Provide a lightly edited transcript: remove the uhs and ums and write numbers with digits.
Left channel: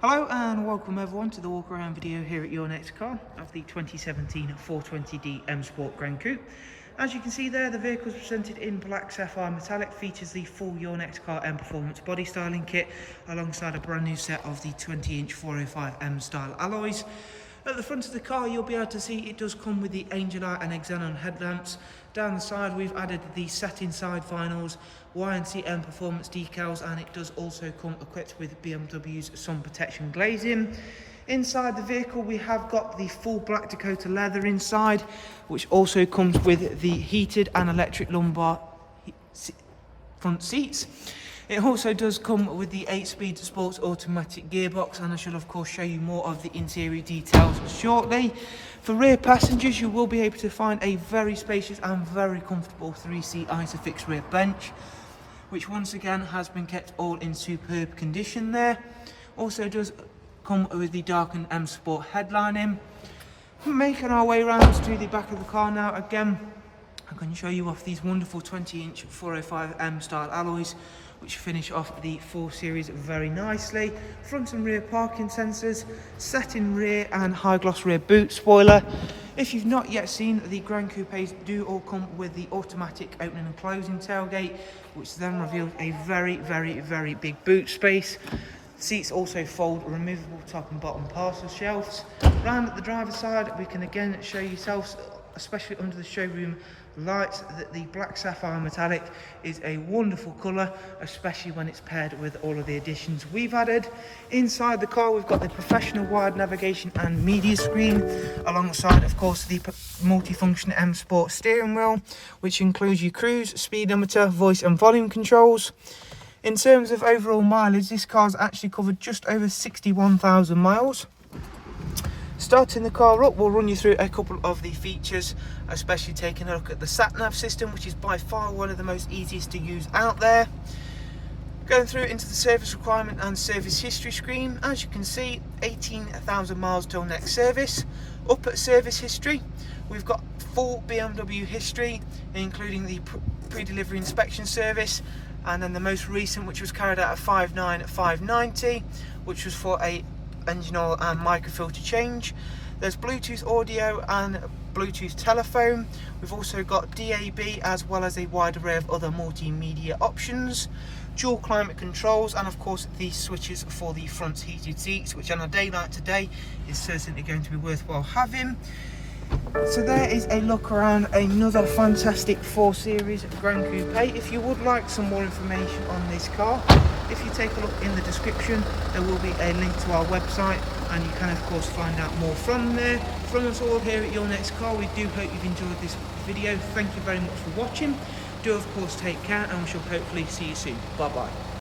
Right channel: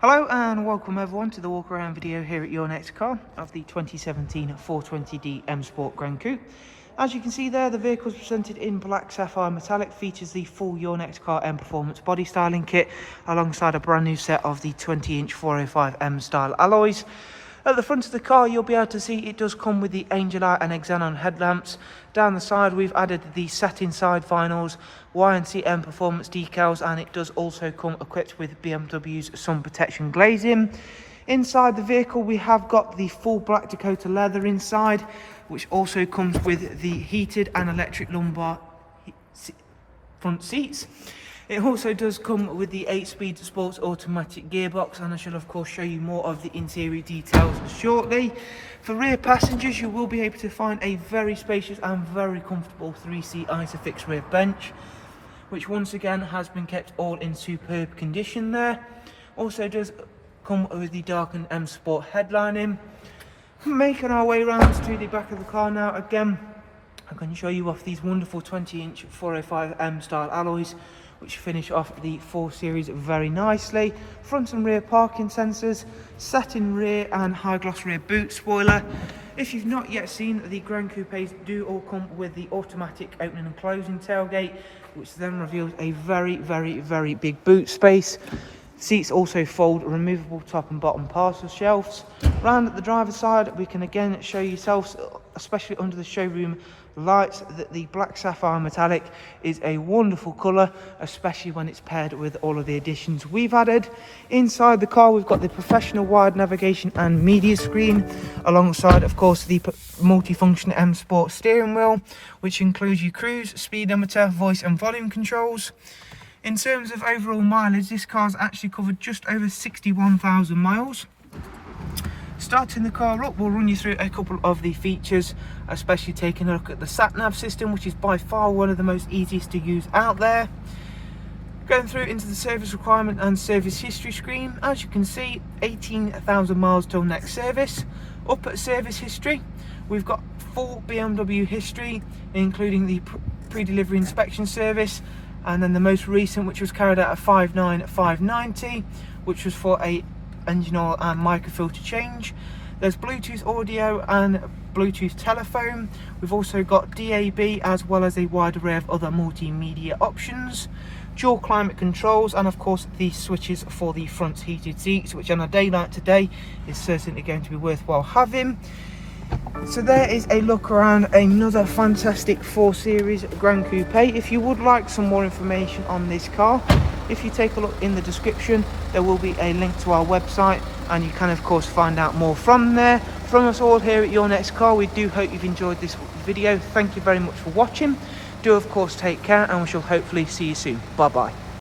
Hello and welcome everyone to the walk around video here at Your Next Car of the 2017 420D M Sport GRAN COUPE. As you can see there, the vehicle is presented in black sapphire metallic, features the full Your Next Car M Performance body styling kit alongside a brand new set of the 20-inch 405M style alloys. At the front of the car, you'll be able to see it does come with the Angel Eye and Xenon headlamps. Down the side, we've added the satin side vinyls, YNC Mperformance decals, and it does also come equipped with BMW's sun protection glazing. Inside the vehicle, we have got the full black Dakota leather inside, which also comes with the heated and electric lumbar front seats. It also does come with the 8-speed sports automatic gearbox, and I shall of course show you more of the interior details shortly. For rear passengers, you will be able to find a very spacious and very comfortable 3-seat ISOFIX rear bench, which once again has been kept all in superb condition there. Also does come with the darkened M Sport headlining. Making our way around to the back of the car now. Again, I'm going to show you off these wonderful 20-inch 405M style alloys, which finish off the 4 Series very nicely. Front and rear parking sensors, satin rear and high gloss rear boot spoiler. If you've not yet seen, the GRAN Coupes do all come with the automatic opening and closing tailgate, which then reveals a very big boot space. Seats also fold, removable top and bottom parcel shelves. Round at the driver's side, we can again show yourselves, especially under the showroom lights, that the black sapphire metallic is a wonderful colour, especially when it's paired with all of the additions we've added. Inside the car, we've got the professional wide navigation and media screen, alongside of course the multifunction M Sport steering wheel, which includes your cruise, speed limiter, voice and volume controls. In terms of overall mileage, this car's actually covered just over 61,000 miles. Starting the car up, we'll run you through a couple of the features, especially taking a look at the sat-nav system, which is by far one of the most easiest to use out there. Going through into the service requirement and service history screen, as you can see, 18,000 miles till next service. Up at service history, we've got full BMW history, including the pre-delivery inspection service, and then the most recent, which was carried out at 59590, which was for a engine oil and microfilter change. There's Bluetooth audio and Bluetooth telephone. We've also got DAB, as well as a wide array of other multimedia options, dual climate controls, and of course the switches for the front heated seats, which on a day like today is certainly going to be worthwhile having. So there is a look around another fantastic 4 Series GRAN Coupe. If you would like some more information on this car, if you take a look in the description, there will be a link to our website, and you can of course find out more from there. From us all here at Your Next Car, we do hope you've enjoyed this video. Thank you very much for watching. Do of course take care, and we shall hopefully see you soon. Bye bye.